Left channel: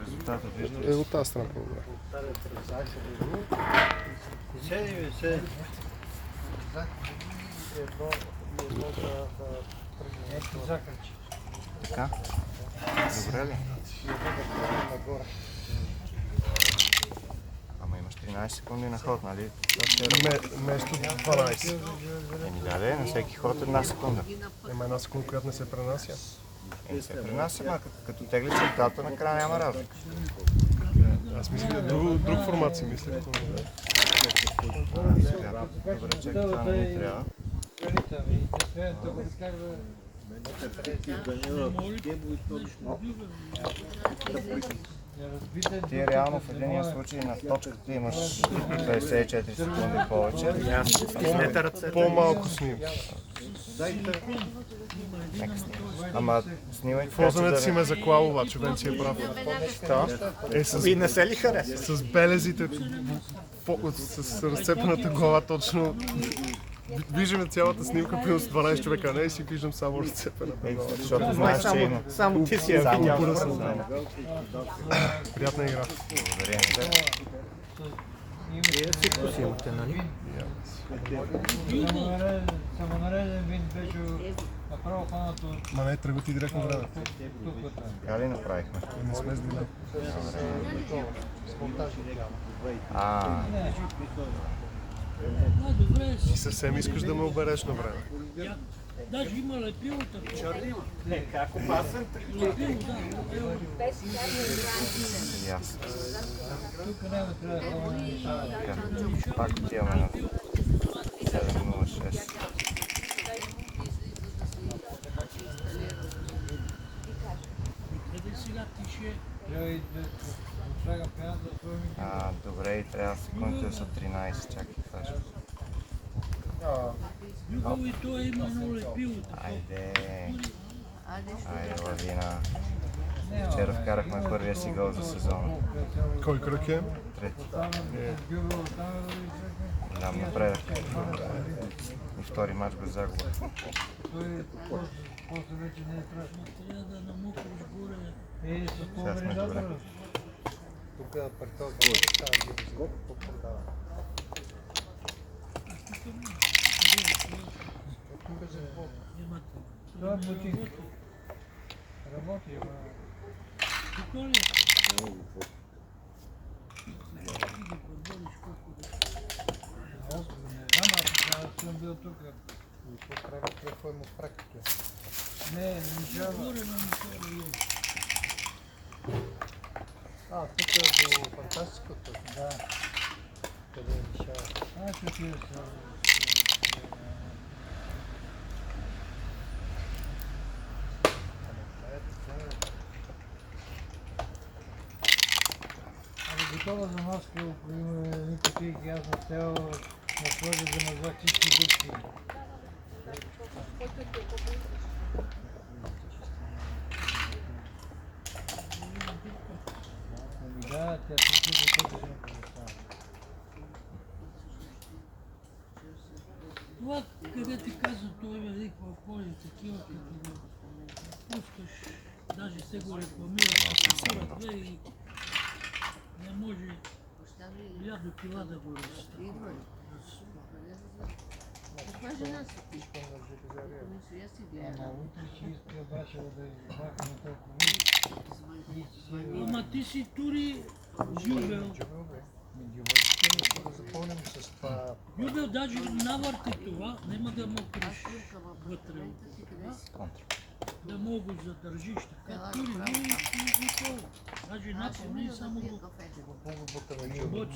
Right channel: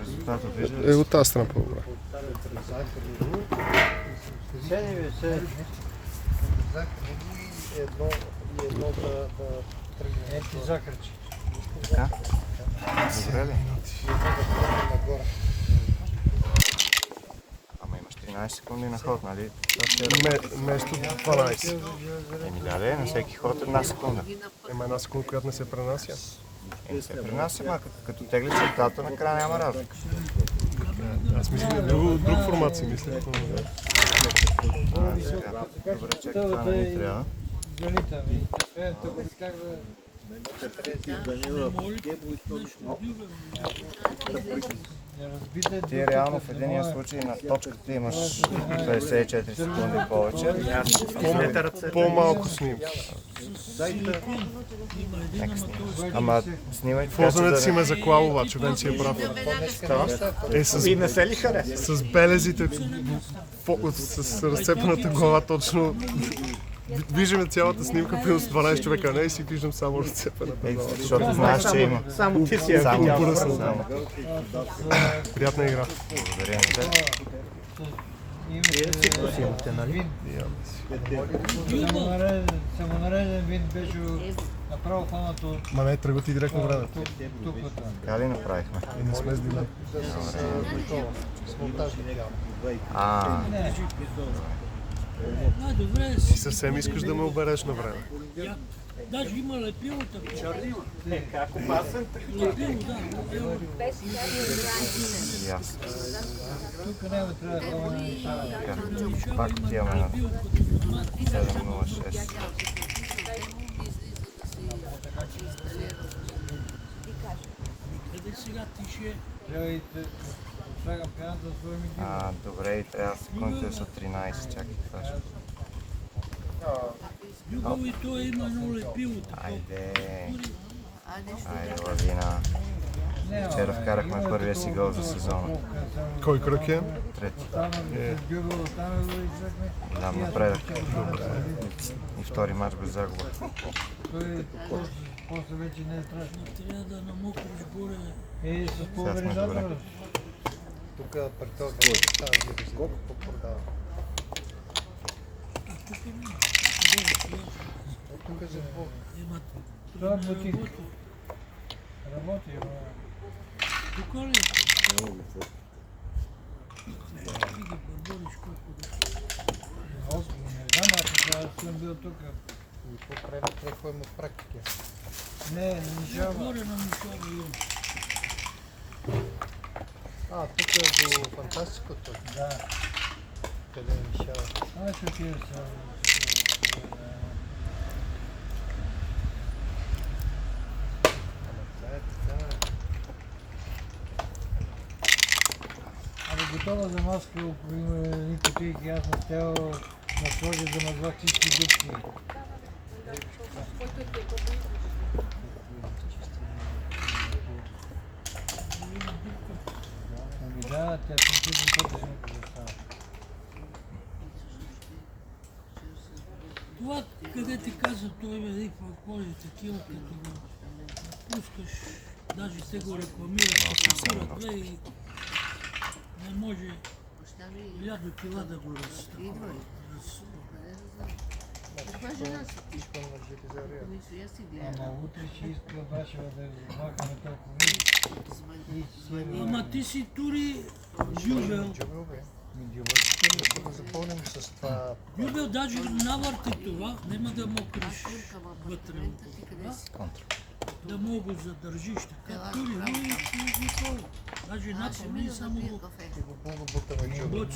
Резултатът вижда ли? От тази страна по-добре. Така? Добре ли? Ама имаш 13 секунди на ход, нали? Вместо 12. Еми да, на всеки ход 1 секунда. Има една секунда, която не се пренася. Не се пренася, ама като тегли чертата, накрая няма разлика. Аз мисля, друг формат си мисля. Сега. Добре, чакай, това не ни трябва. Ти реално в единия случай на точката имаш 54 секунди повече. По-малко снимки. Ама снимай така, че Фозането си да ме заклал, обаче, вече си е прав. И не се ли хареса? С белезите, с разцепената глава точно. Виждаме цялата снимка, примерно с 12 човека, не и си виждам само разцепената глава. защото знаеш, че има. Само ти си я видял. Приятна игра. Благодаря на теб. Всичко си имате, нали? Самонареден вид беше направо хванато Ма не, тръгват и директно време. тук. Така ли направихме? И не сме с дилей. Добре, Ти съвсем искаш да ме обереш на време. даже има лепилата. Как опасен? Ясно. Тук няма трябва да хвана. Така, пак отиваме на 706. Къде сега тише? Трябва и да слагам пяната да твоя микрофон. Добре, и трябва секундите са 13, чакай, това ще... Любов и той има едно лепило. Айде, лавина. Вчера вкарахме първия си гол за сезона. Кой кръг е? Трети. Любов там го излезме. Голям напредък. И втори мач без загуба. Той после вече не е страшно. Трябва да намокриш горе. С Сега сме добре. пулверизатора. Тук пред този става колко продава. Това е бутик. Работи, тук ли? Не знам, аз съм бил тук. Какво има практики? Не жава. Тук е до фантастикото. Да. Къде е Мишава? Аз ще отида сега. Готова за маска, ако има едни кутийки, аз не стял на сложи да назва всички дупки. Да, тя се чуди като се напозостава. Това, къде ти каза, той ме виква коли такива, като го пускаш, даже те го рекламират, и не може 1000 кила да го разстава. Ама утре ще иска Башева да махаме толкова. Ама ти си тури Жюбел. Запълним с това. Жюбел даже навърти това, няма да мокриш вътре. Да мога го задържиш така. Тури, но даже напомни само го бъц,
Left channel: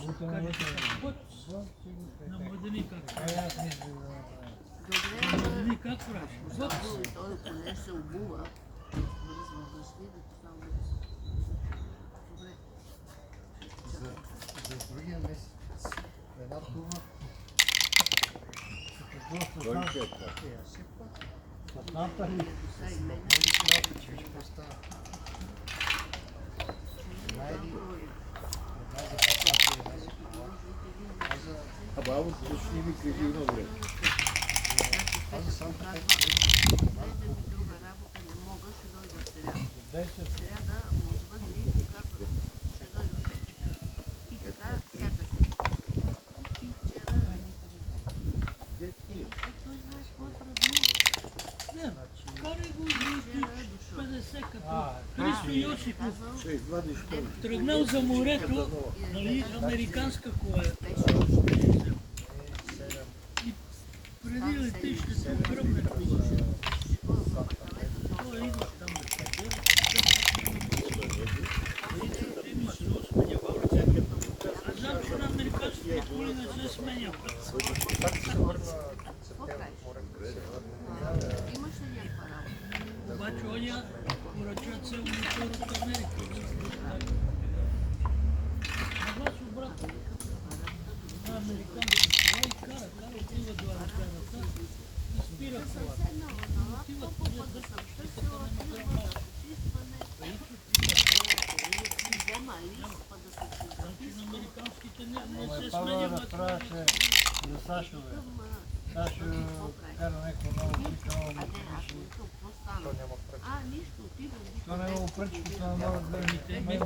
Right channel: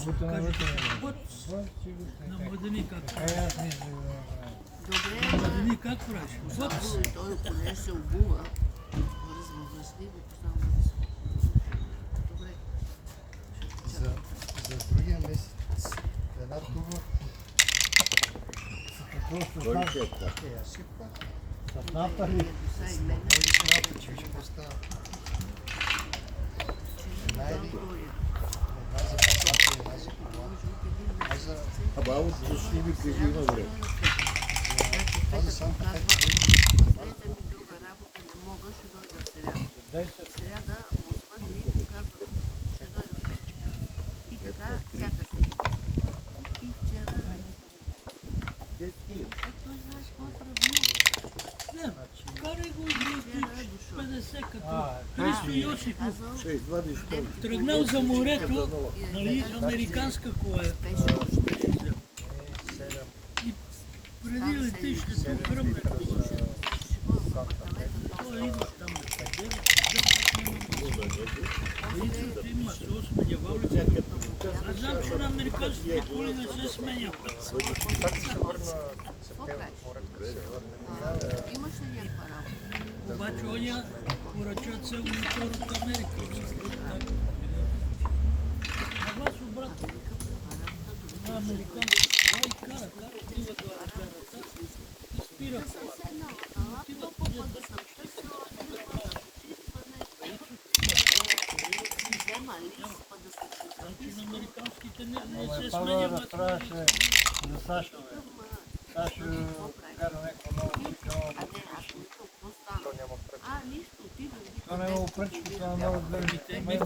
на младени как правиш. На младени как правиш? Бъц. За другия месец една туба. Какво ще става? Абаво, точно ми кажи на време. Не, карай го от 50 като Христо Йосифов тръгнал за морето, нали, американска кола е. И преди летище се гръмне кола. Той идва там да се има знам, че на американските коли не се сменят. Обаче оня поръча цел мотор от Америка. А вас обратно. Това американски кола и карат, отиват до аеропорта и спират колата. Отиват по дъжд, значи на американските не се сменят. За Сашо, бе. Сашо кара някакво ново цикъл, то няма пръчка. То няма пръчка, това много гледаме.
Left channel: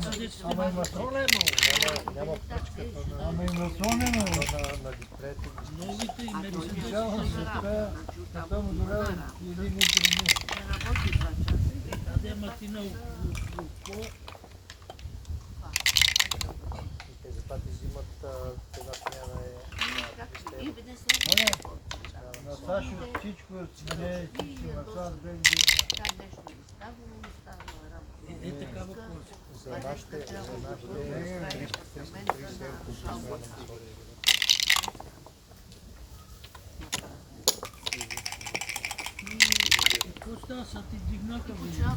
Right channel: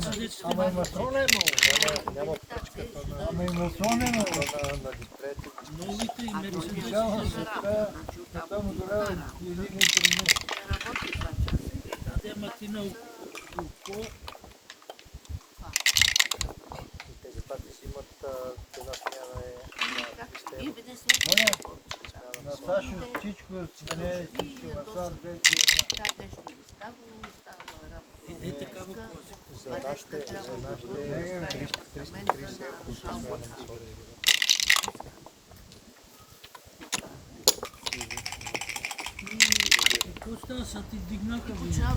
Ама има слонено. Няма пръчка, ама има слонено. Новите и мерцедесите Специално са света му долява един литър. те матина около. Затова ти взимат една смяна на Сашо всичко смене, всичко на сам без Е такава кола. за нашите 330 евро по смяна на своя. Какво става, са ти дигнаха война?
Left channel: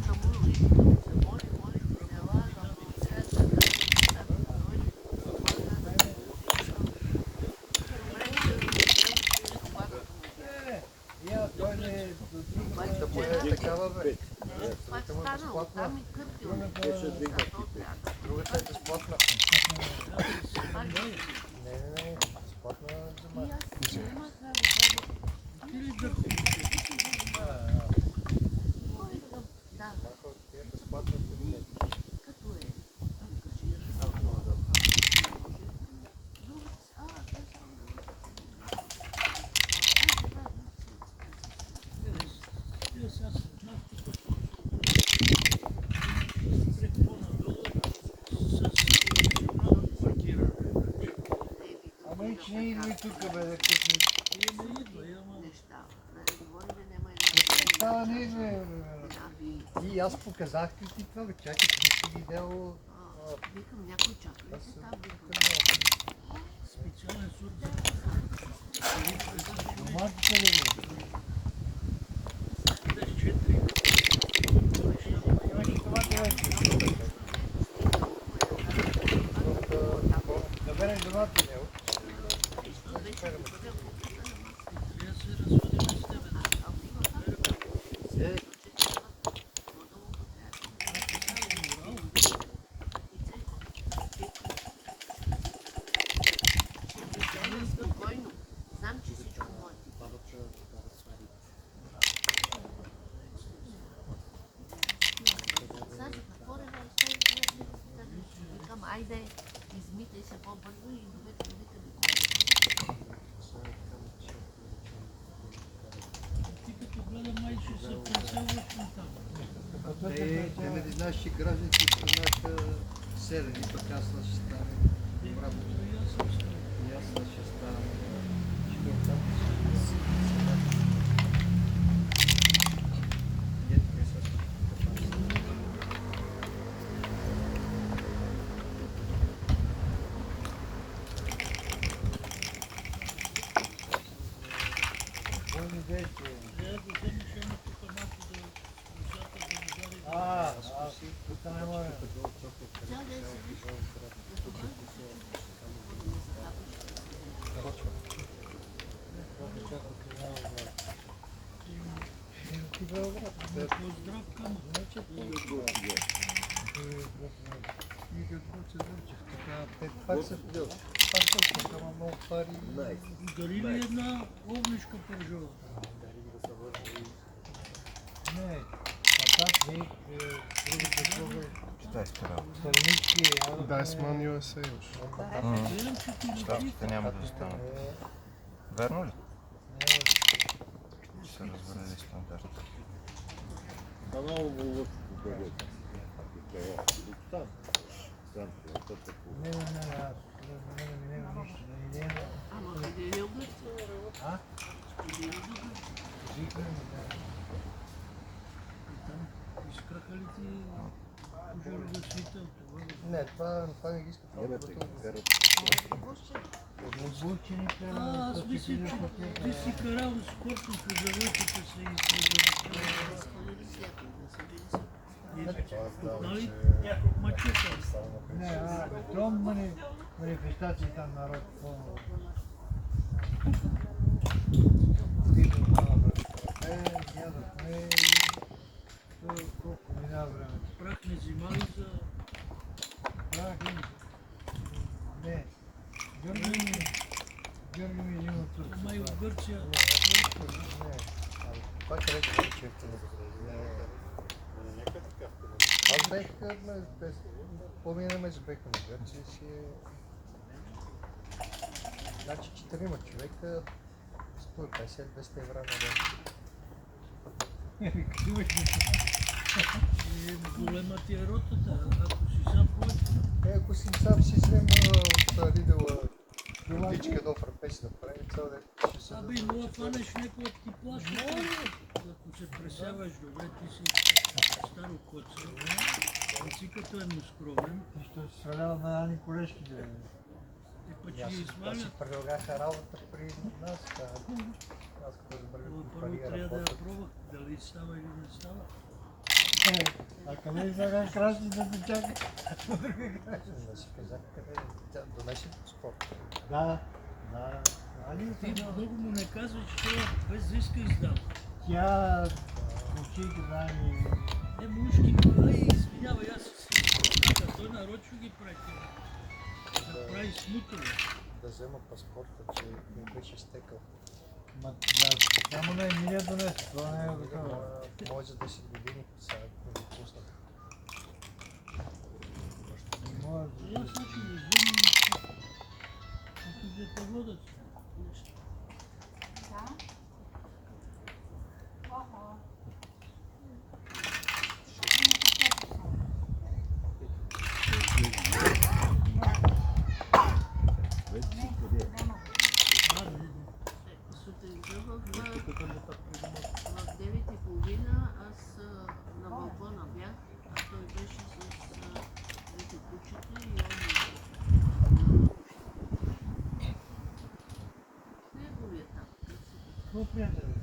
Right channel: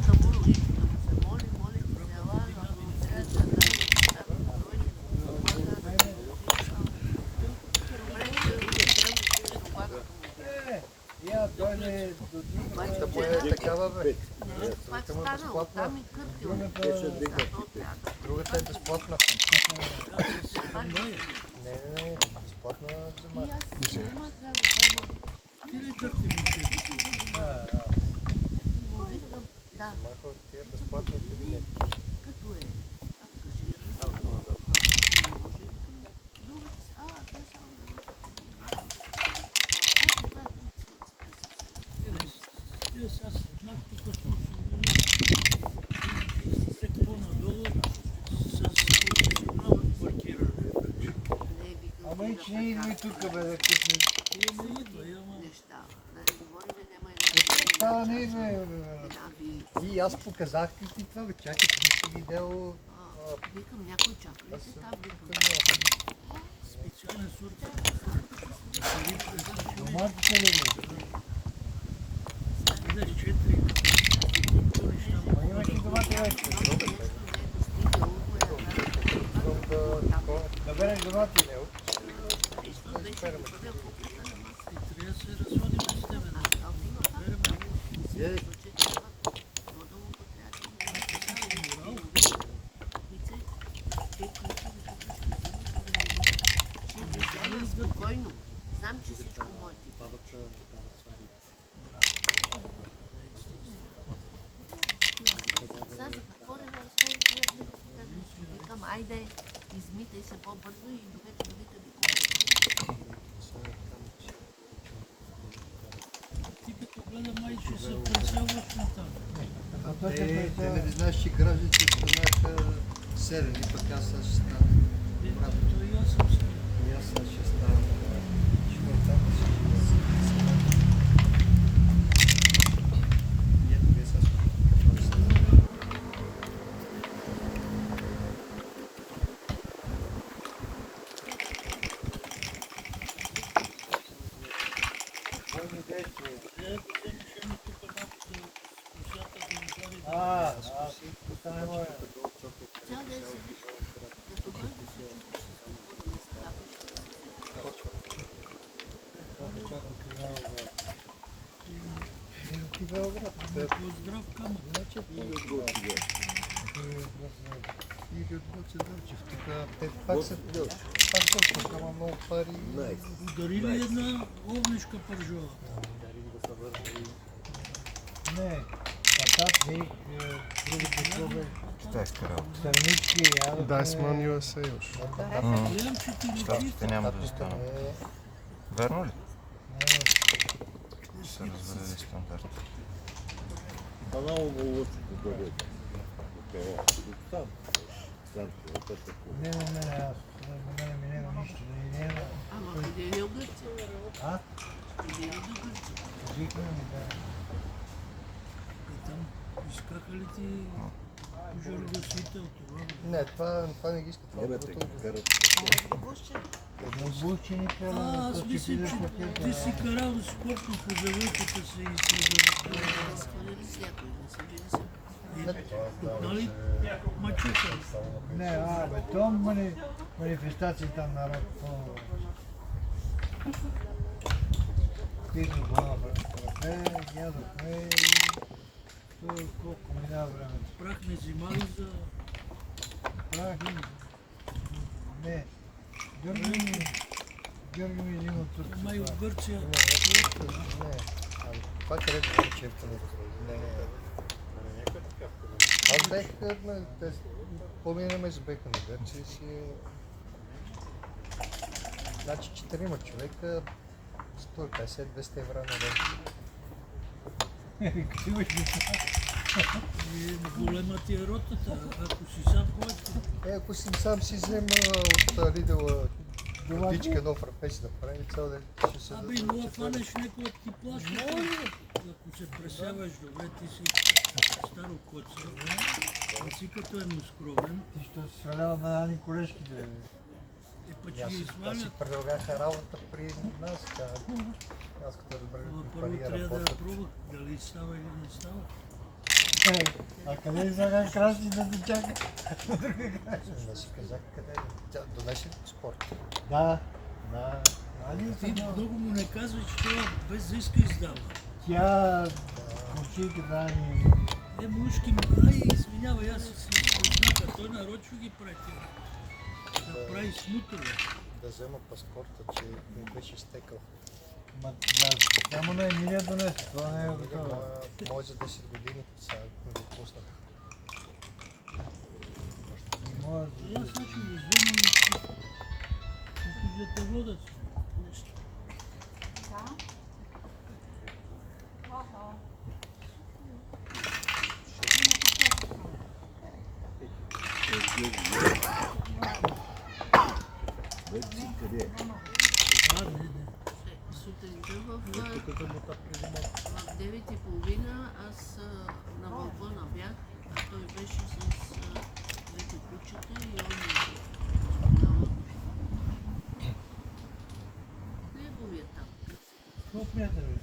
Той не е такава, бе. Другата му е безплатна. Другата е безплатна. Не, безплатна взема. Ти ли дърти ми? Тия безплатни билети. Ама и че не идва и тук, бе, да късне. Това не идва, бе. И аз показах ти това, бе, чакай, ти не си видял. Специален сурд. Доматите ли, бе? Дадеш 4. Имаш и домати вече. Да береш домати, не? Трябва да се разводим с тебе. Спокойно. Знам, че всичко може. Сега за какво викам, айде, измитай се по-бързо и довете Ти като гледа майче се преселваш на там. Те не знаеш, че гражданите станаха селени, пък аз ще стана обратно. То и аз съм стал. И аз ще стана. Там Здрав камък. пак са много пари. Удари ли една огнешка пържова? Не, щатник, другите клубове, Китайска работа. странички, Дайсман USA уж. Гледам, че ти личи. Щатите няма да останат. Верно ли? Ще се развалили стандарт. Не, аз на мен ми няма нищо, да и няма. Ама къде е в Гърция? А? Къде е в Гърция? Викна ми, да. И там изкаха ли ти пожар гасител? Не, това не ги иска. Обучи ни кара, Аз мисля, че ти си карал скоростно по заводите се изследва. Някой не са били са. Нали? Мачука. Не, бе, то манифестации там народ пълно. Дито малко, ядохме и колко минава времето. Прах не взимали за... Прах и... Не, Георги ми взима тук. Ама и в Гърция. Това където е черкането. Аз бех, половина месец бех на Гърция си е... Значи 4 човека, 150-200 евро на ден. Като имаш Голема ти е ротата, ако си сам ходиш. Ако си сам си взема от Лидъла водичка едно фрапеси да прави цял ден, ще се Абе, мога да фанеш някой да ти плаща. Ако се пресяваш добре, ти си старо коце. Не си като е скромен. ти ще си свалял на Ани колежките. И па че Аз ги си свалят. предлагаха работа при нас, аз като Но разбрах първо пари трябва да я работа. пробват, дали става или не става. А къде сега краси да те чака? Да си казах къде тя донесе спорт. Да. Ти много му не казва, че това без да иска издава. Тя кучейки Ани. Мушки му, извинявай, аз си слушам, той нарочно ги прави. Да прави смутове. Да взема паспорта, че ми беше изтекал. Само на Емилия донесе, това не е обикновено. Може за 10 години, сега ми го пуснах. Я сега ще го взема и да те водят. Сутринта в 9:30 аз на балкона бях, а той беше с двете кучета и неговия там. Какво приятели?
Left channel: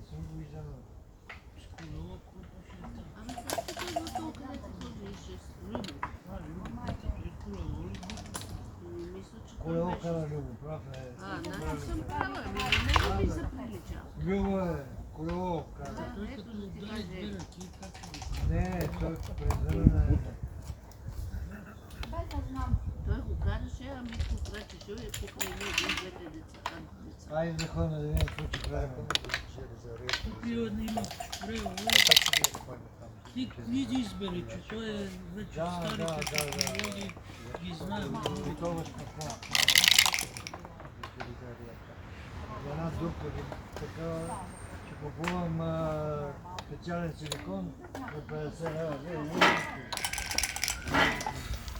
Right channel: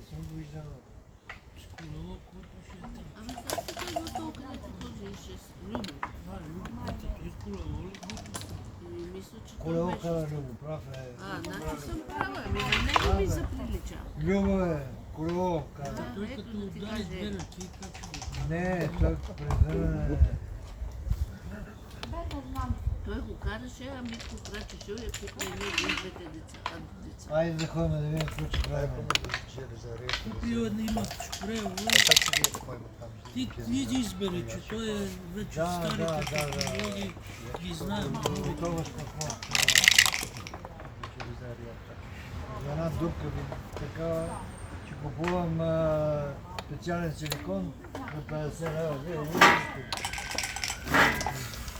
Не съм го виждал. Колело, какво ще е там? Ами как се казва то, където този ще с Любо? И колело ли? Мисля, че това Колело беше. кара Любо, прав е. Значи съм права, ами на него ми заприлича. Любо е, колело кара. Той Ето като да ти удари каже. две ръки, как ще го... Не, той презърне. Той го караше, ами го крачеше и купи него и двете деца. Айде да ходим да видим какво ще правим. Купил има шпрео, ти избери, че той е вече Да, старите да, технологии, ги знаем. Това спокойно. Една дупка ви така, че купувам специален силикон за 50 лева.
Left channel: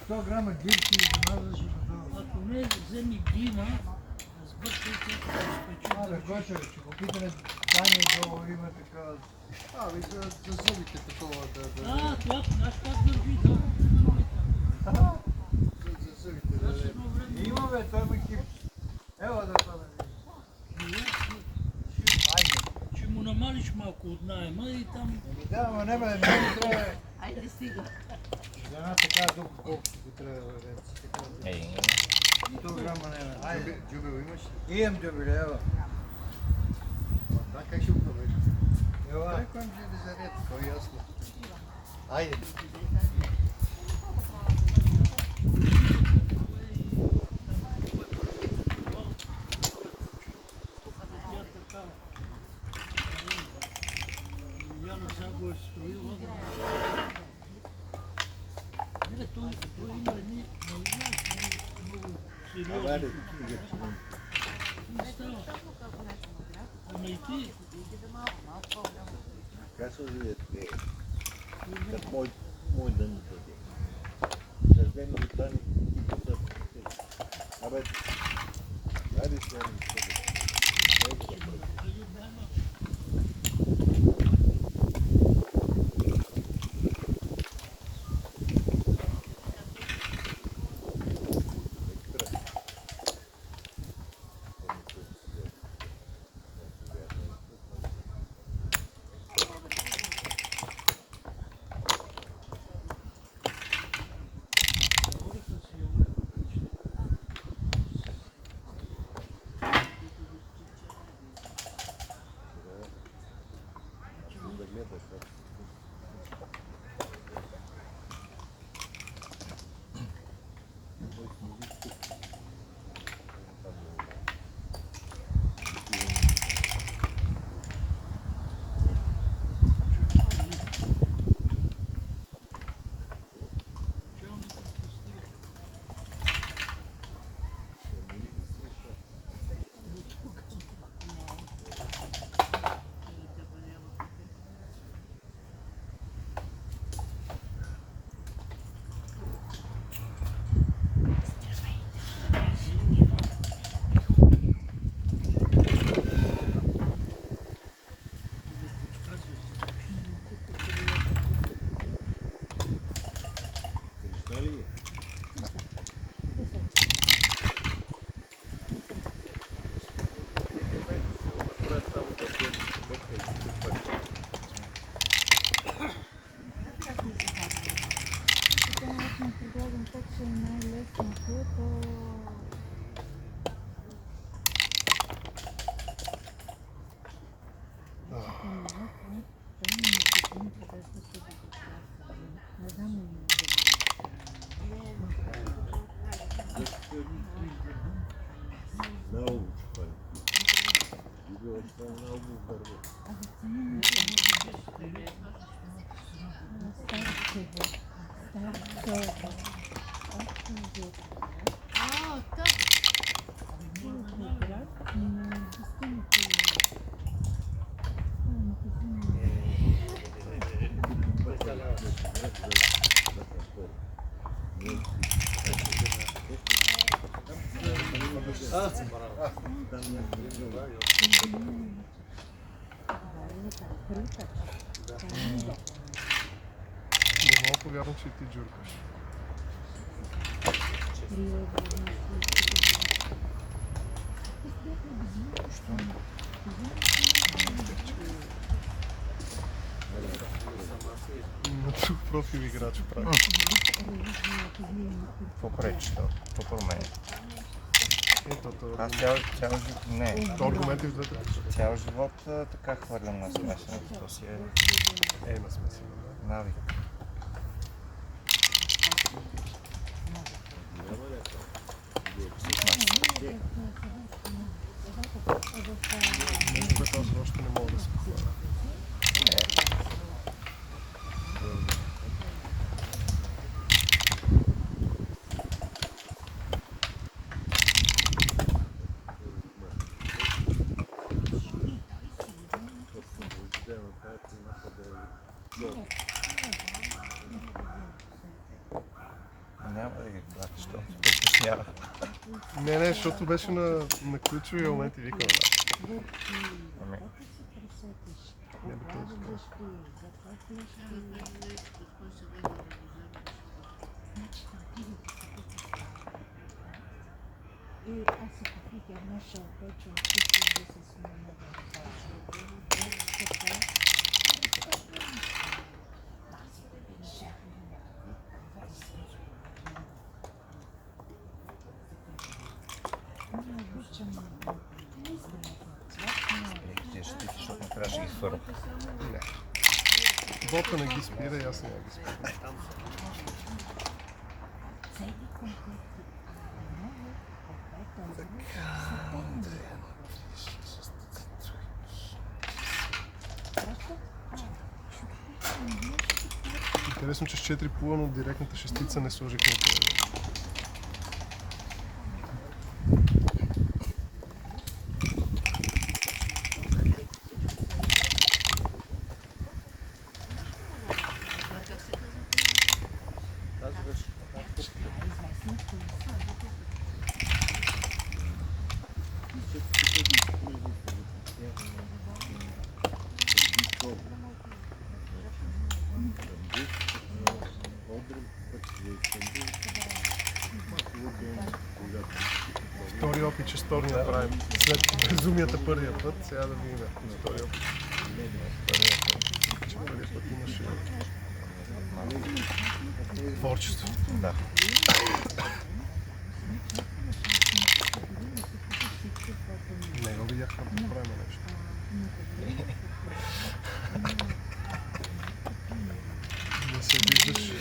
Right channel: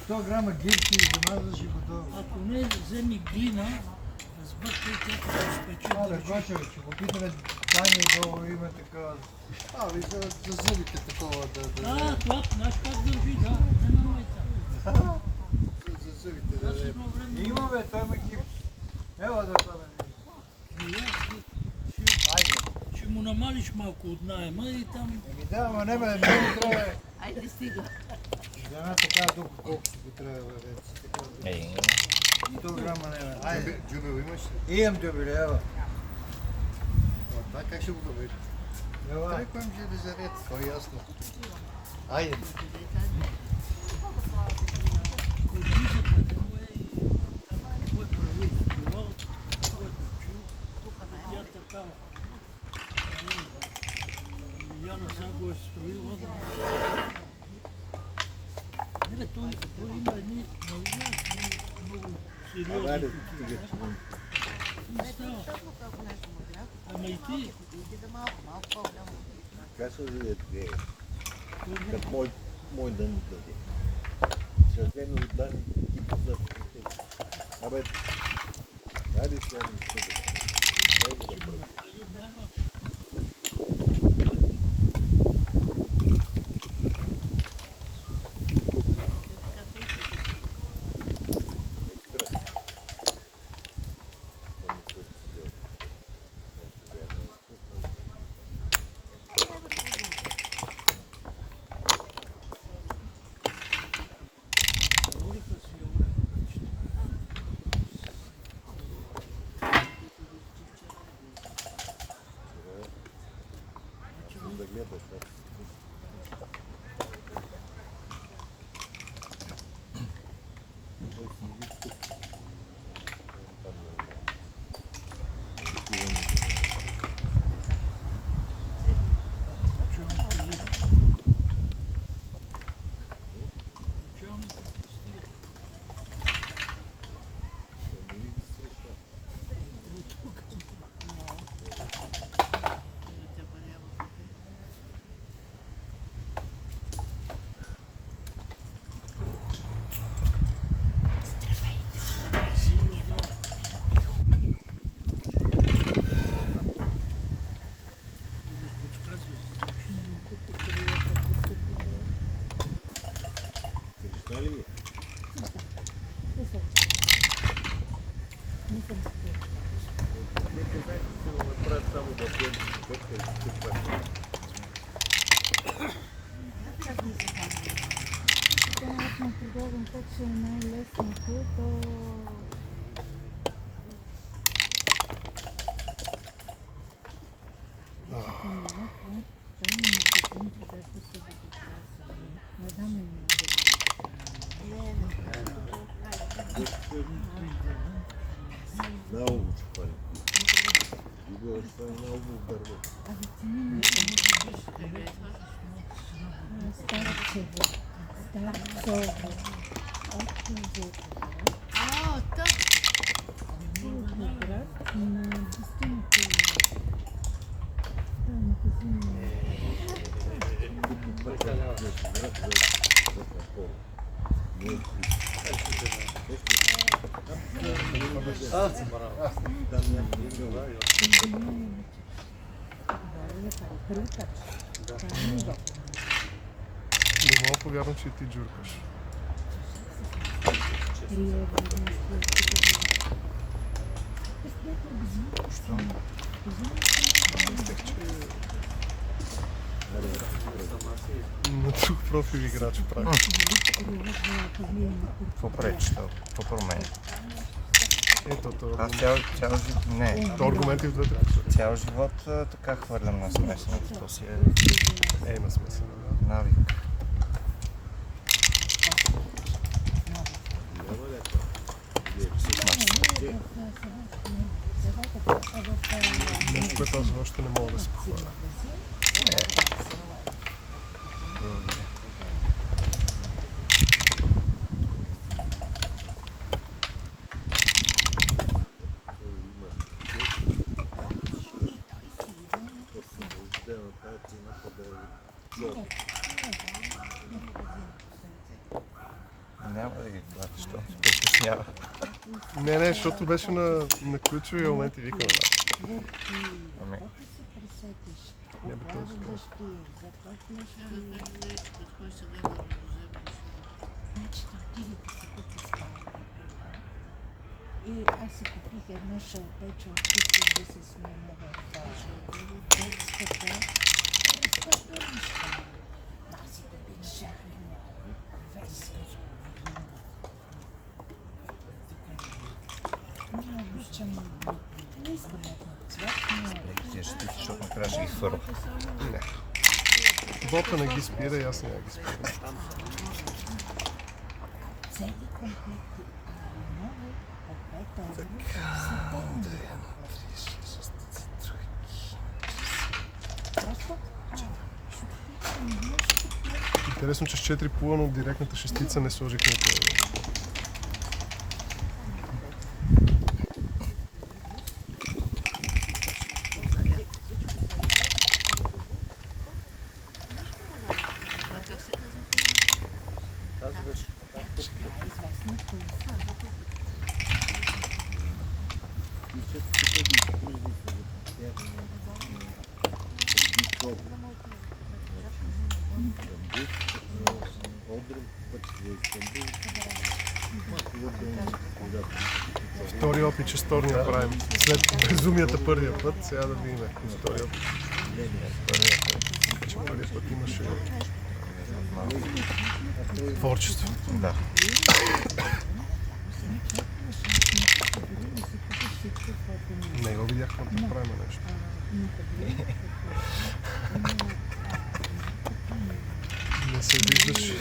100 грама гипси и замазваш и готово. Ако не вземи глина, сбъркай тя да спече Да, държи. Гочо, ще попитаме Дани долу има такава. За зубите такова Това, знаеш как държи, да, не намайта. за зубите. Аз едно време... Има бе, той има гипс. Ела да това да видиш. И аз ще му намалиш малко от найема и там... Да, ама не бе, много трябва. Айде стига. Една така дупка, колкото го трябва да веде. 100 грама не бе. Айде. Джубел имаш? Имам дюбели, ева. Това как ще го проведеш? Ела. Той кой ще да заред, това е ясно. Айде. Яна Загоев построил огромно. Не, той има едни много сериозни култури. Не става. Ама и ти, Как се живеят те? Как мой ден къде? Съвсем от дани и пътят. Абе, дали се ми къде? Много чупали. Било това много бърво. Не мога повярвам, че и ти джуркаш. На друг профил играч прави. Какво пречи? Какво променя? Ето, Аз цял живот... Не. то аргументи в двете посоки. Цял живот така хвърлям на смесените. То си е На смесен. навик. Нещо, което аз още не мога да се похваля. Няма да ги платиш, защото се притеснява. Не, защото беше на ключови моменти викам. Ами, Не би тези. И аз си купих едно шалпече от чисто да се смена в детската. Аз да държах не обичам, не искам цвят, ти ще ти, защото накрая ще ги хвърля. Бота не ги спира и аз не ги спира. цели комплекти, много Просто Интересно, че с 4 пула, но директната шестица не сложих на това. Втори опит, че сторния правим. След безумията първия път, сега да видим втори опит. Че първия път имаше творчество. Да. Не го видях как да правим нещо. Не се виждаш.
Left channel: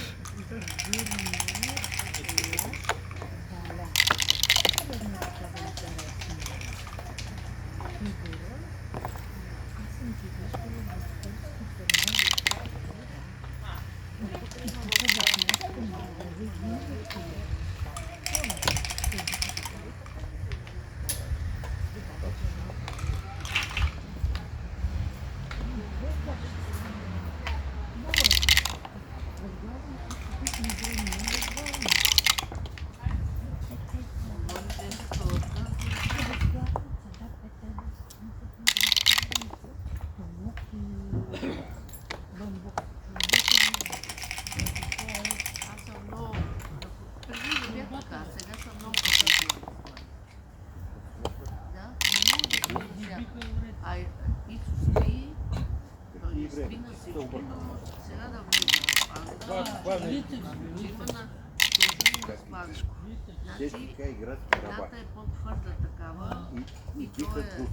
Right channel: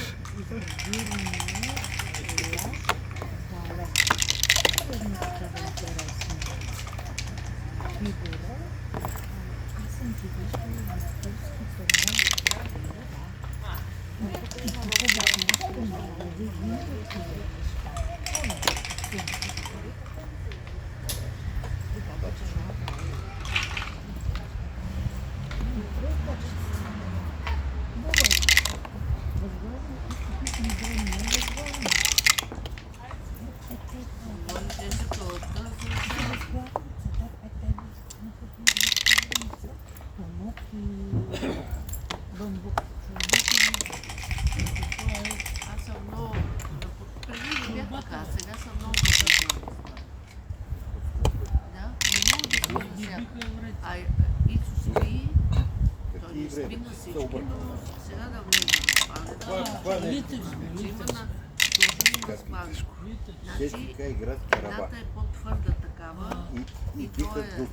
Техника и градски раба. Едната е по-твърда такава и той дикът е бук.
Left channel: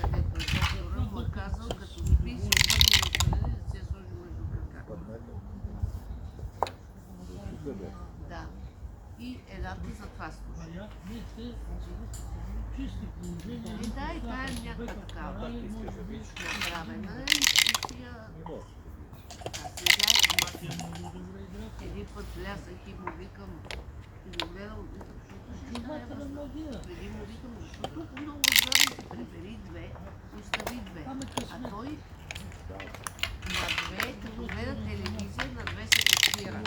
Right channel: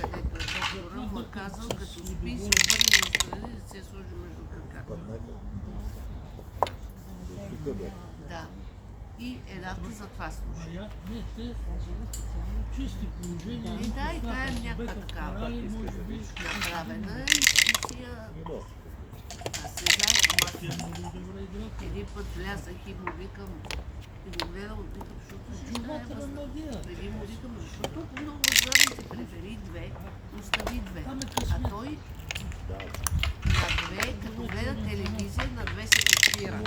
където е доктора, му е казал, като спи и се обърне настрани, да се я сложи между краката. Да. И едната за това служи. И да, и тая е някаква такава направена и си я... А сега един път влязах и му викам, и го гледам, защото ще е възможно. Преди му викам, защото много зърни, прибери две, остави две. А той на две, като гледа телевизия, на две се подпира.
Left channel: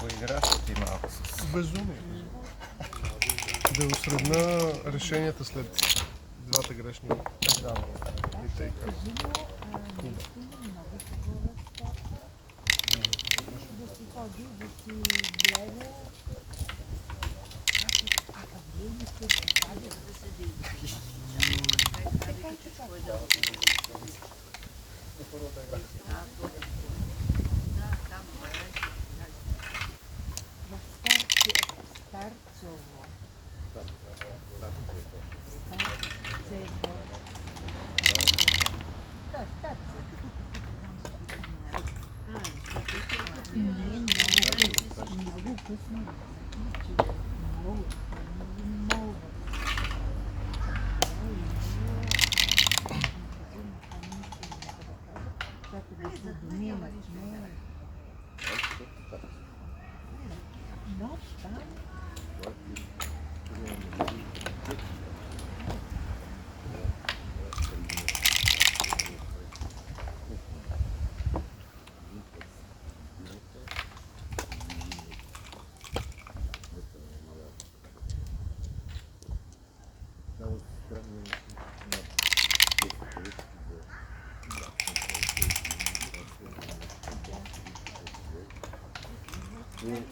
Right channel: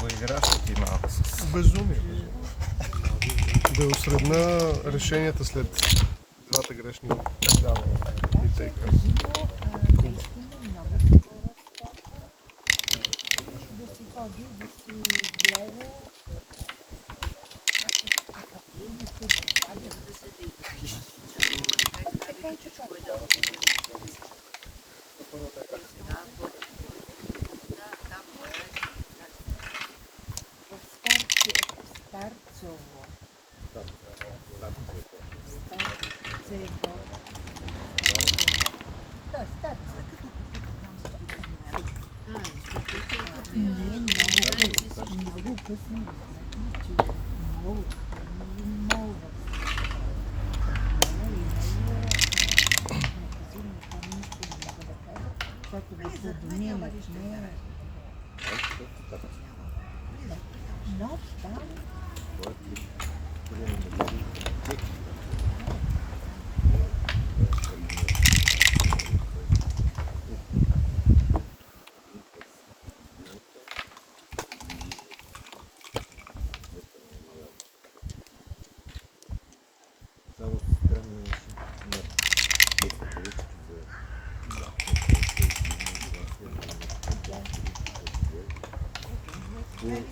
Поиграш ли ти малко с... Безумие. Да осредна решенията след двата грешни и тейка.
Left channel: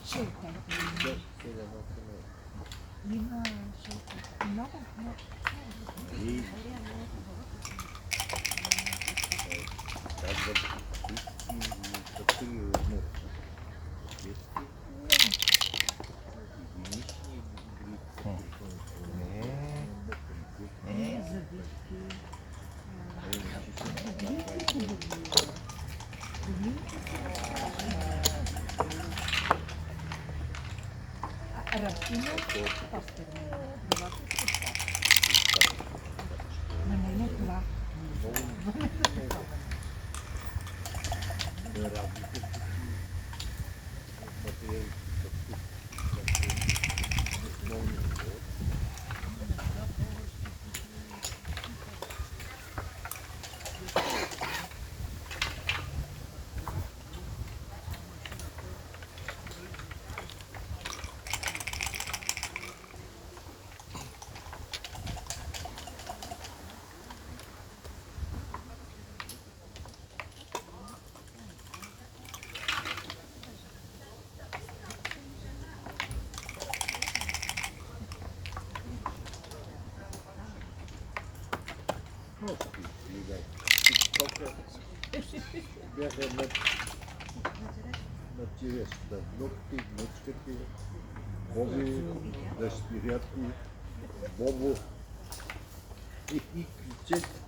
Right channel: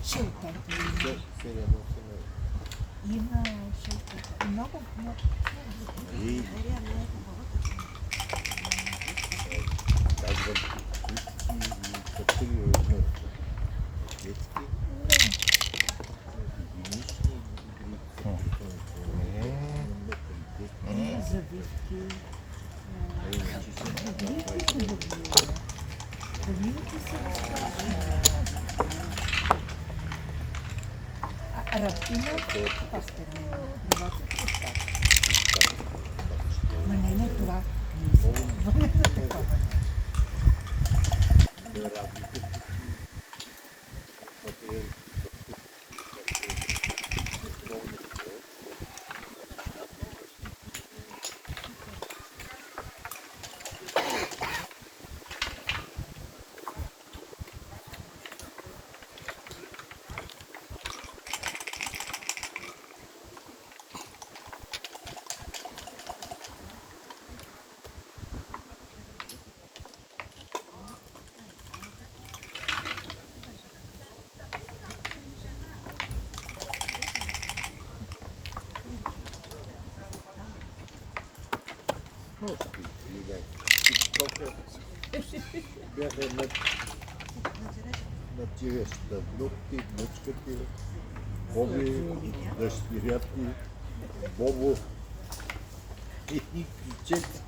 Шелтата има шелтата. Много, много. Завивки. Ръбтина, ма не това. Бяха на черешата, внуци, внучкати, Боби, дъщерята, Бобо и кричете.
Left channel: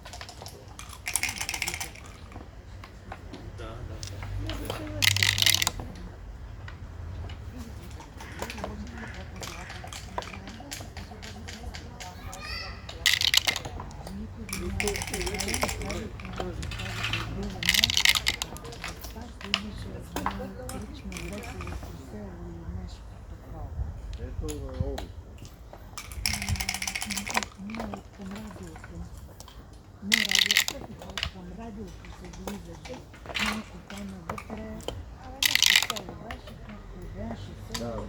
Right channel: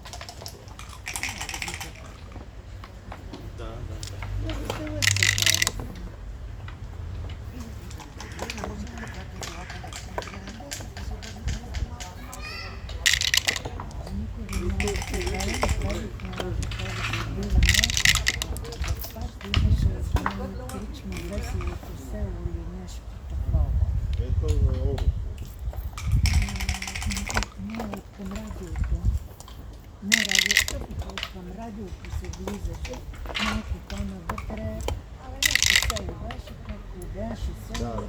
Ето е много. Към радиото. Не радиото, към радиото се влизаше. Малко по-навътре. Абе, нещо се лъваше, както беше се. Няма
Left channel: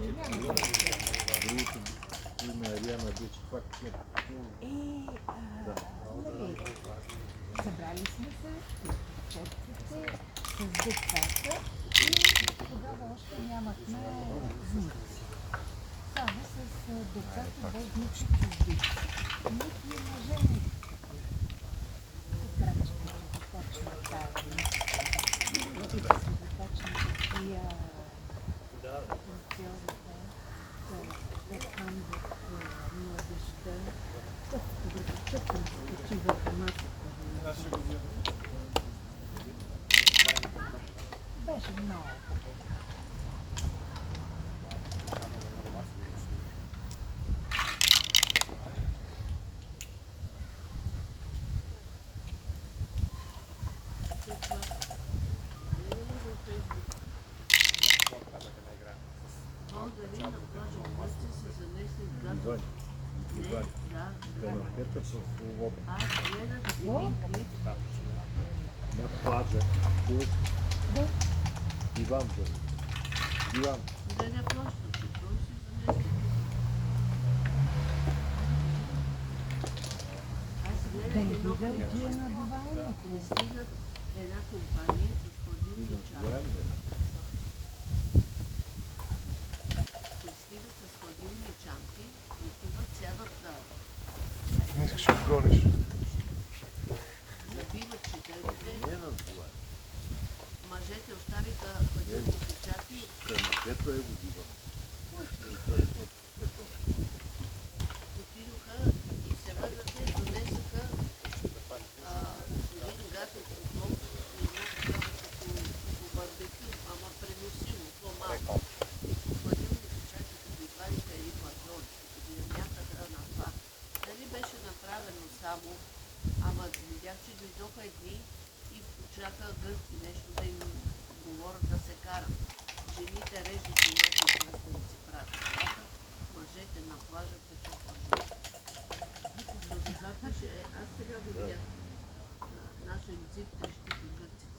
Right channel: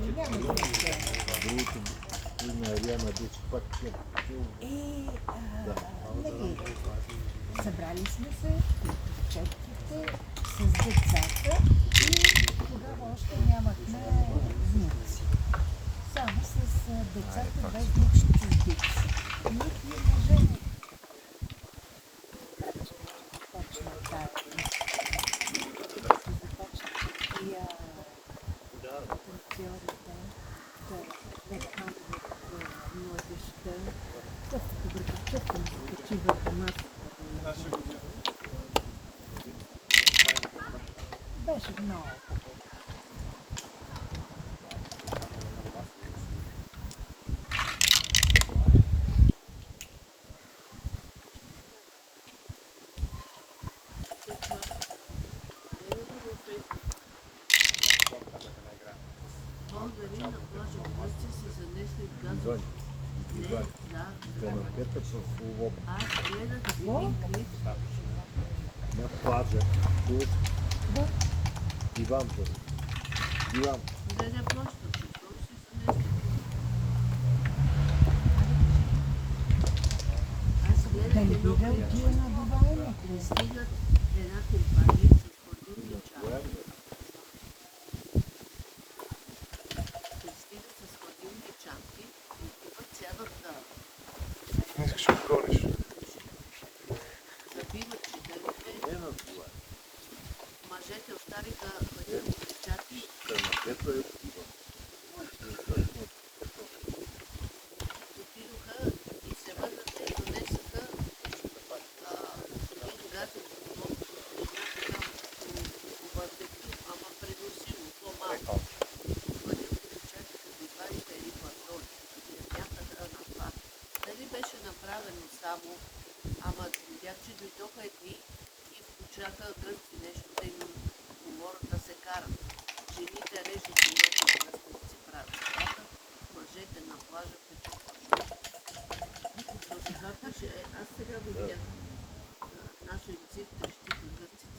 Другото на Ариана беше пак събрали сме се, четките, с децата и тогава още нямахме внуци. Само с децата без внучни чуждици. Нито и мъже. Точно така. Тия теорията да там в младежта, просто да чакам, че върху масата. Беше много. канапета с свобода. На плажа. Диван. Диван. Да не видя отива на Дубай. Пристигат една компания с хладилни чаши. Пристигат с хладилни чанти и тук сядат да Мисля, ще отгониш. забиват чителите. Мъжете оставиха хладилните чанти. Канапета е диван. Отидоха и се върнаха и донесоха когато барбекю, ама преносимо, по-малко. Хладилните чанти като извадиха едни платони, бяха на това. Дали беше направено само, ама видях, че дойдоха едни и почнаха гръцки нещо да им говорят да се карат. Жените режат някакви кръстни да си правят нещата, мъжете на плажа печат. Аз сега видях нашо език, трещите гърците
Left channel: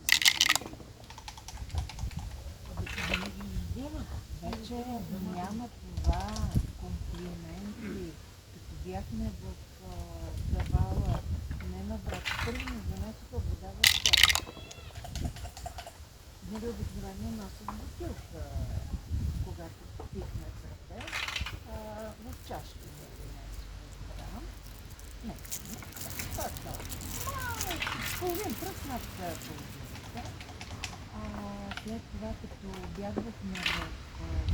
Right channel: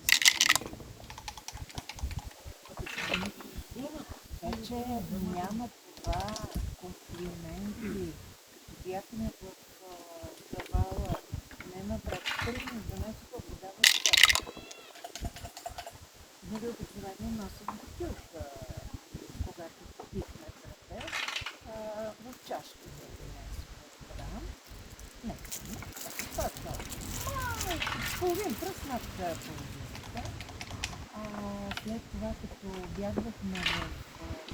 Вече няма това комплименти. Като бяхме в Примерно 12 вода в чаша. Нали обикновено носим бутилка, когато пихме кафе, в чашка за 11 грам. Не, половин пръст над телевизията. След това, като бягвахме в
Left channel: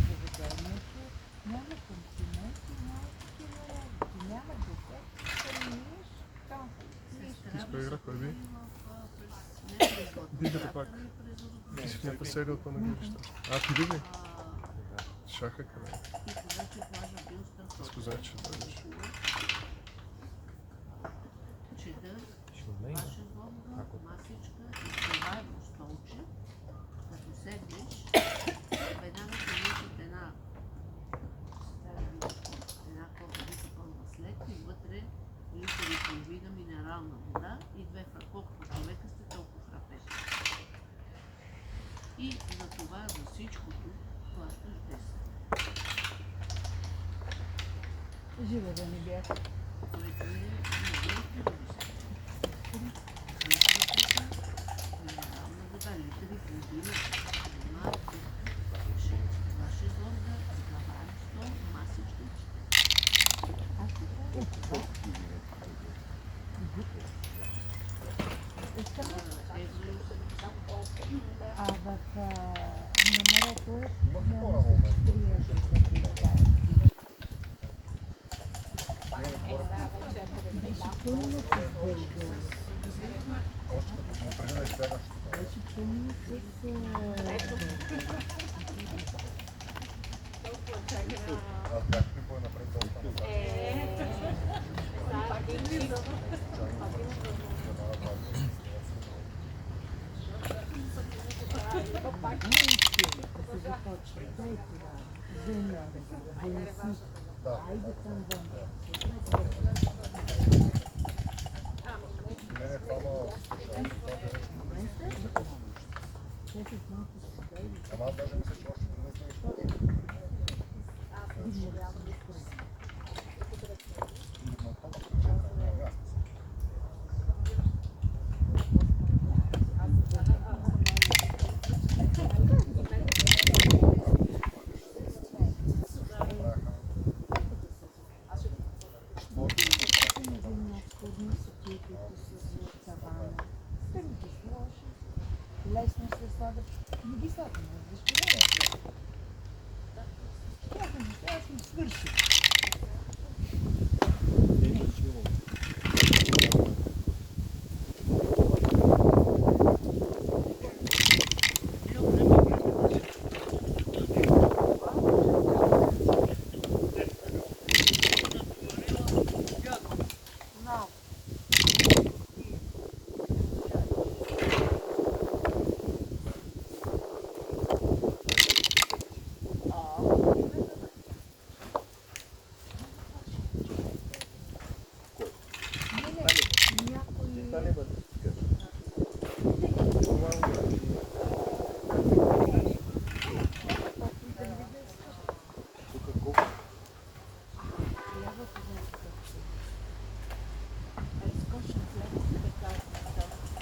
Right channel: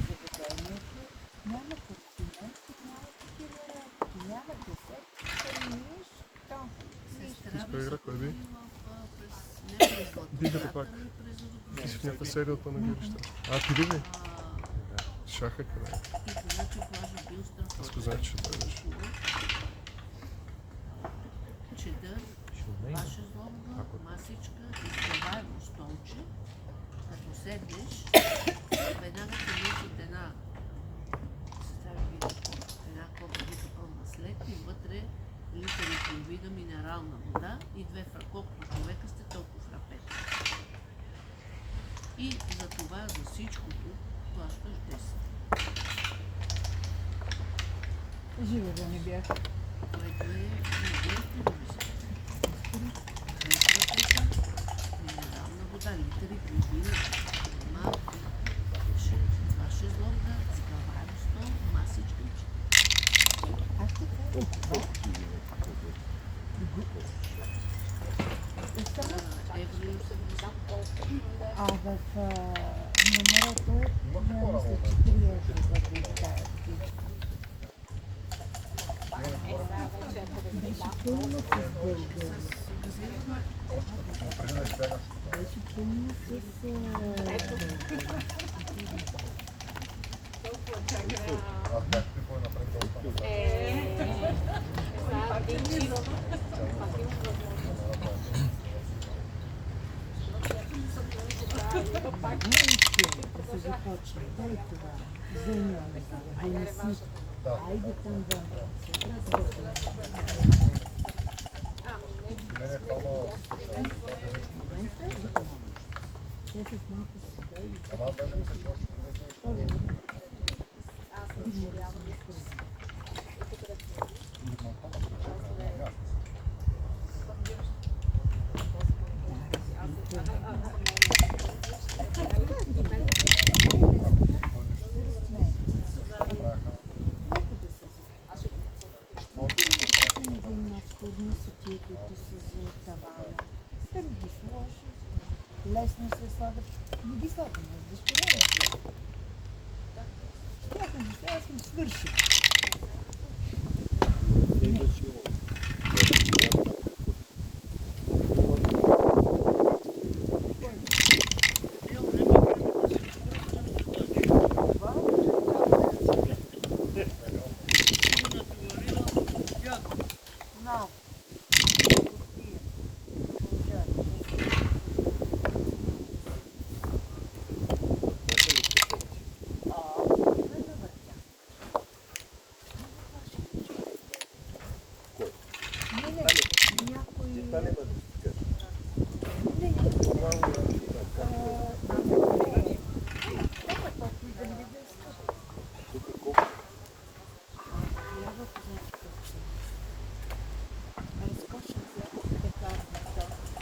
заведението, няма консументи, няма десет, храниш, там. Иска игра, кой би? Дигате пак. Исках някаква серия от панагирища. Ти диги? Шаха къде? Аз го знаех, че дойдеш. Чедър, шезлонга, масичка, изпреваемо столче. Като седнеш, веднага се носи от една кофа пълна след и вътре литър и половина минерална вода и 2 колкото човека сте толкова фрапети. И за това, за всичкото, плащаш 10. Живе да не бях. Което е минерална вода, литър и половина. Това шезлонга, изпреваемо стол, масичка и А в номерата няма се 4 евро за получават. Беше пълно с гърдо. Беше пълно с... Аз бях пипал напред толкова. Да се започне. Дай това. Вземи да неси. Айде там да лесно се слагат. Не ги слагам, защото аз съм свършил.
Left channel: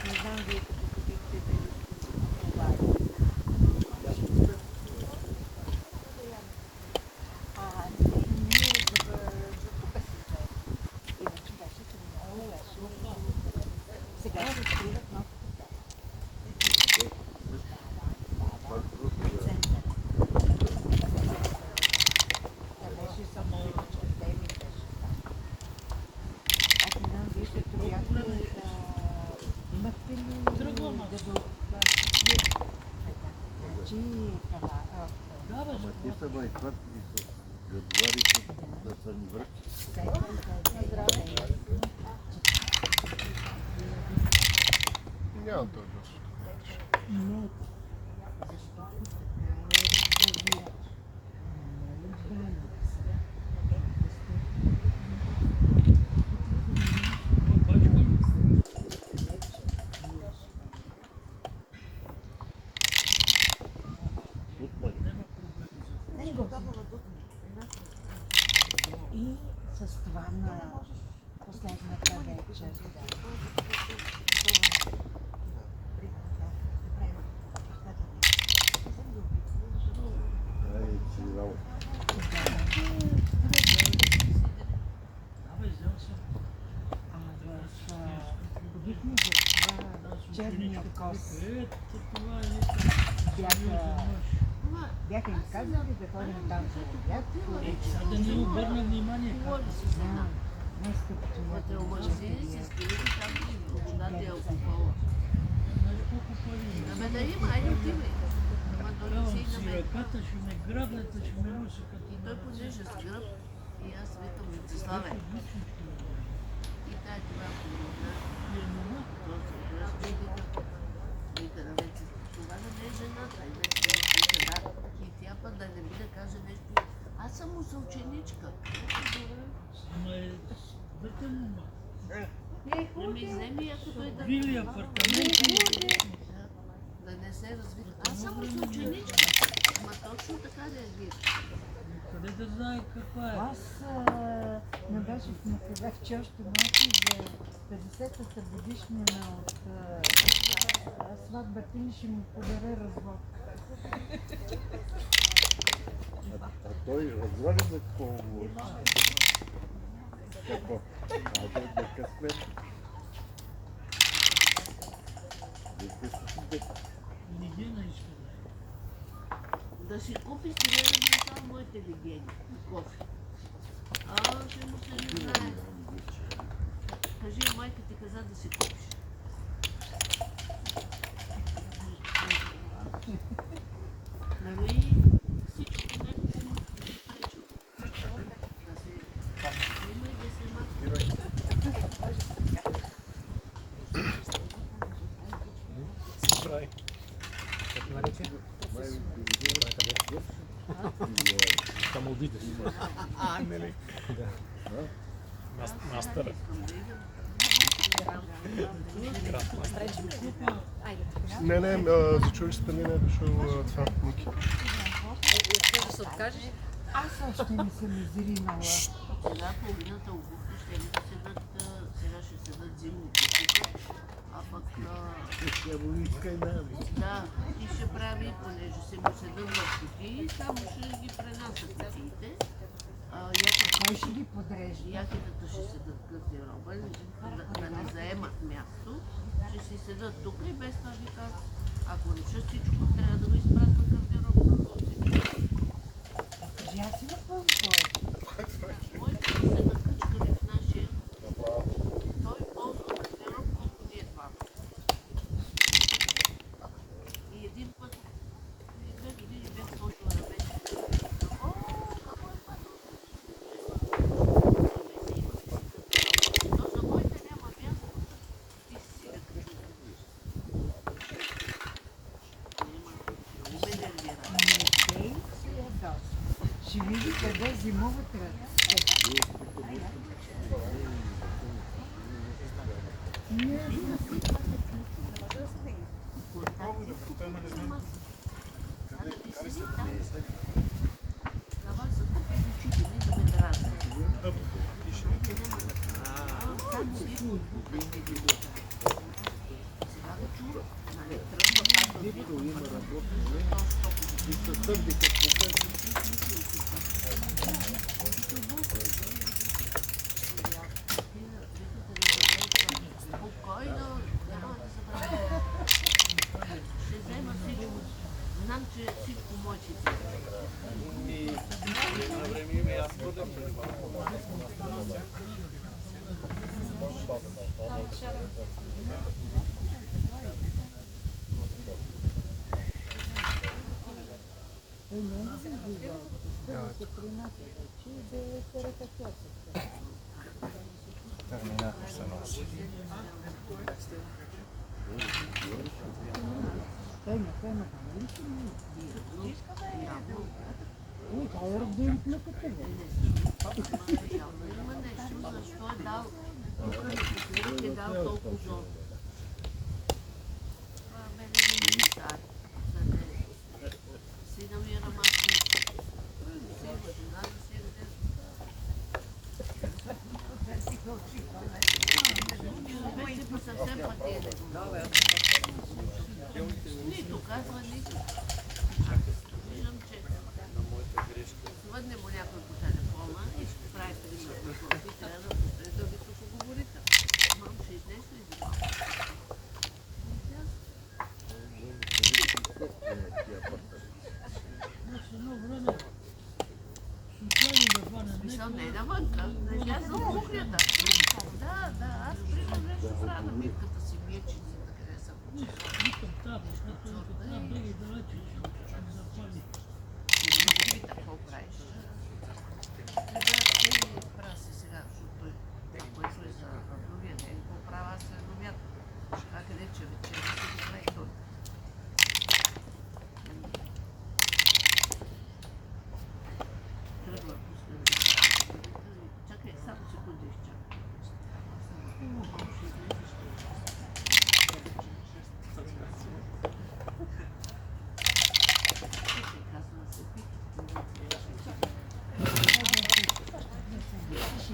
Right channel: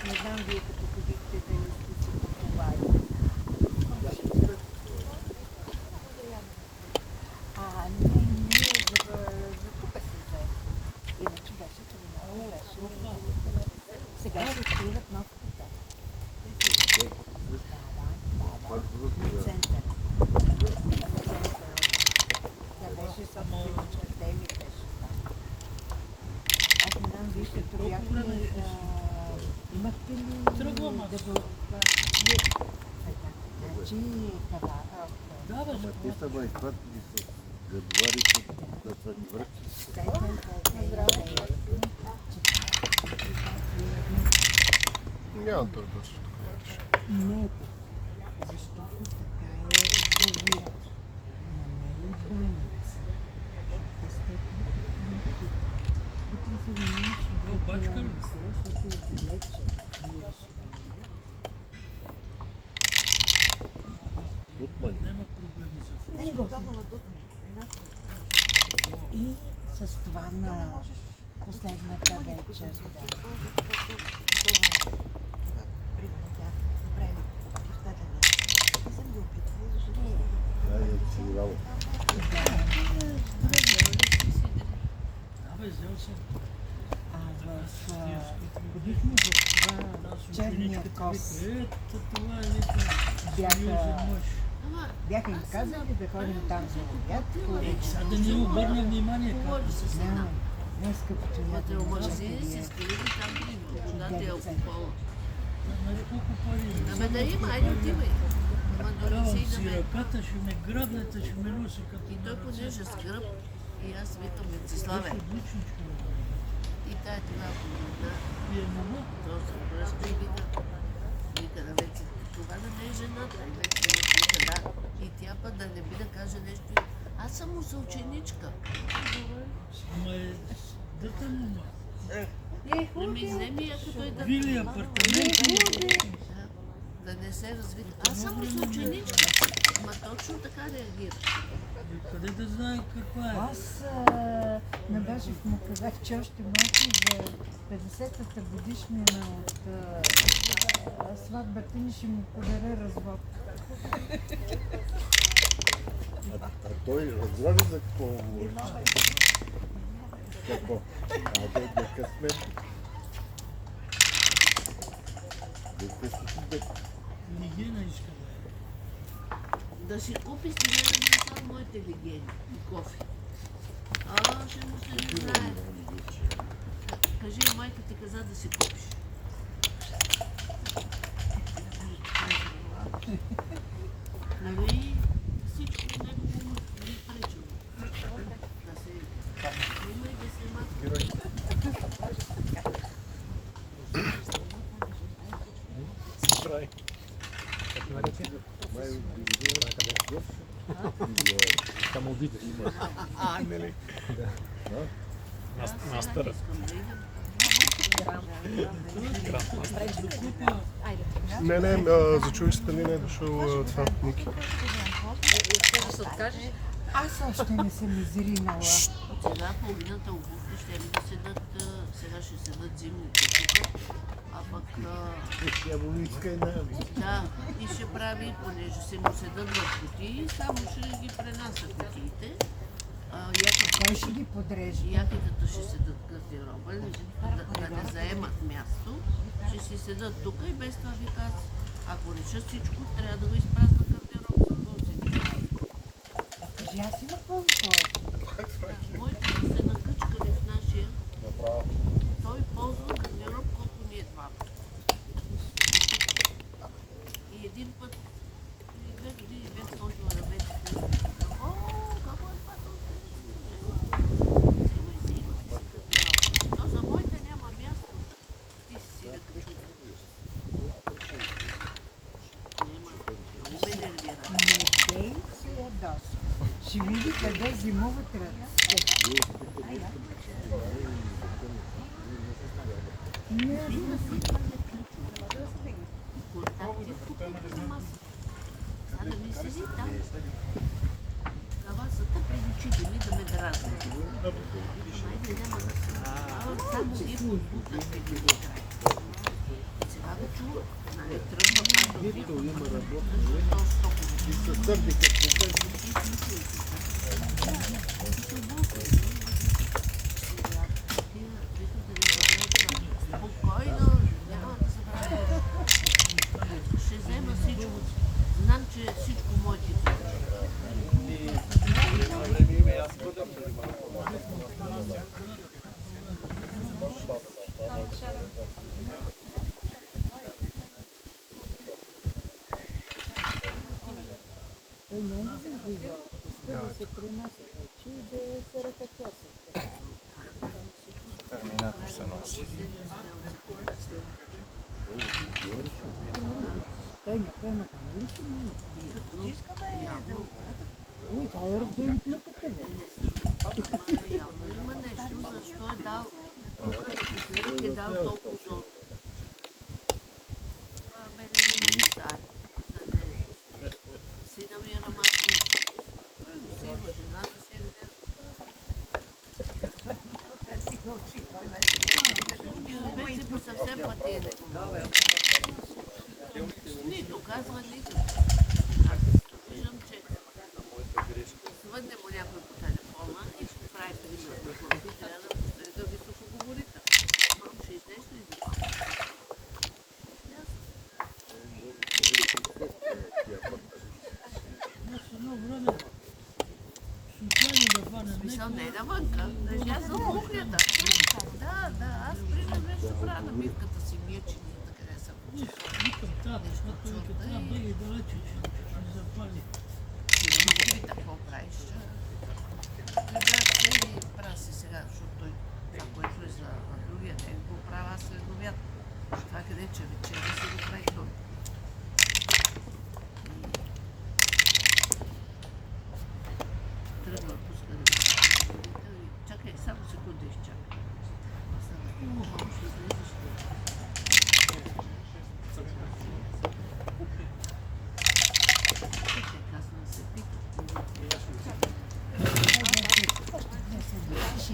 Не знам вие като ходихте да ни сега ще откриват нов хотел. Център. Да беше само едничка теми беше там. Аз не знам, вие като бяхме имахте ли девелопмент? Значи това. Написано е как ни се говорите да са ни връчи. Няма да дойдеш. Не е така. Защото така е завият. Не е граница. И с това на последната вечер. черния кос. Това е вика Бяха, сериозен мъж. бяха им казали да ходим там за обяд. Сега да не обърна внимание как се Да, днес като Вътре някой в магазини момчета си е скрили там водата и алкохол. знаеш колко пари има. Ами да има, айде отивай. Ама Давам донеси си да ме. ръката, ще ме грабнете, ще ме носи като И той понеже скръп. И аз викам Венциславе. отличничко. И тая това помогна. Вие мога? То се обръща и вика на Венци, това да не е жената. И Венци вика да. И тя път да не би да каже нещо. Аз съм му съученичка. Ама е дете му. Не ми вземи, ако той да... Вили апартаменти. Да не се развива. Аз съм му съученичка. Ама точно така реагира. Къде да знае каква е? Аз набежих му казах, че още малко за 50-та годишнина от сватбата ни ще му подаря развод. А той разбра ли за какво говори? Какво? А да късмет. Лигена иска да е. Да си купи си не да само моите легени и кофе. Ще му се не знае. Кажи, майка ти каза да си купиш. Нали, всичко него ще му пречи. Да се... Има и да се натрува. Мастър. Не, за чуйчета не е дошъл това, Ники. Искаш да се откажеш? Аз още не съм изринала. Сега половината обувки ще ли да седат, сега ще седат зимните кутии, а пък да, и ще прави, понеже се му седат в кутии, само ще ги пренася кутиите. Той ще ги подрежда. Якитата ще седат гардероба, да не заемат място, ще си седат тук и без това ви казвам. Ако решат всичко, трябва да го изпразнат гардероба за полците. Кажи, аз има повече. Моите се накъчкали в нашия. Той ползва гардероб, колко ние два. И един път, и 2 години бях почнала да вече. Но за моите няма място. Ти си си накъчкала. Не нервира. Не се ядоса. Ще види къде зимуват ръцете. Ще взема всичко. Знам, че всичко мочи. Терминатор се носи. Има нещо, защо е дал. Е дал толкова сок. Мене не ми стане. Сина ми е на майка. Сина, жена да се яде. Вече по съвсем пътене. Нито казва, нито. Виждам, че свъдне му някой по телефона и ще прави приятел. Ти трябва да ви слуша говорител. Ще изнеш ли за това? Мирката си вие, че ние така не са Викам тата, това беги далече, че не запали. Ти какво правиш? Трябва да правя си сега, защото той това, което е за другия ден, го правя след обяд. Това къде че вечеря си го прави той. Трябва да пуска да ви. Чакай, само секунда изчакай. Ще излезеш. Казвам се пита. Ще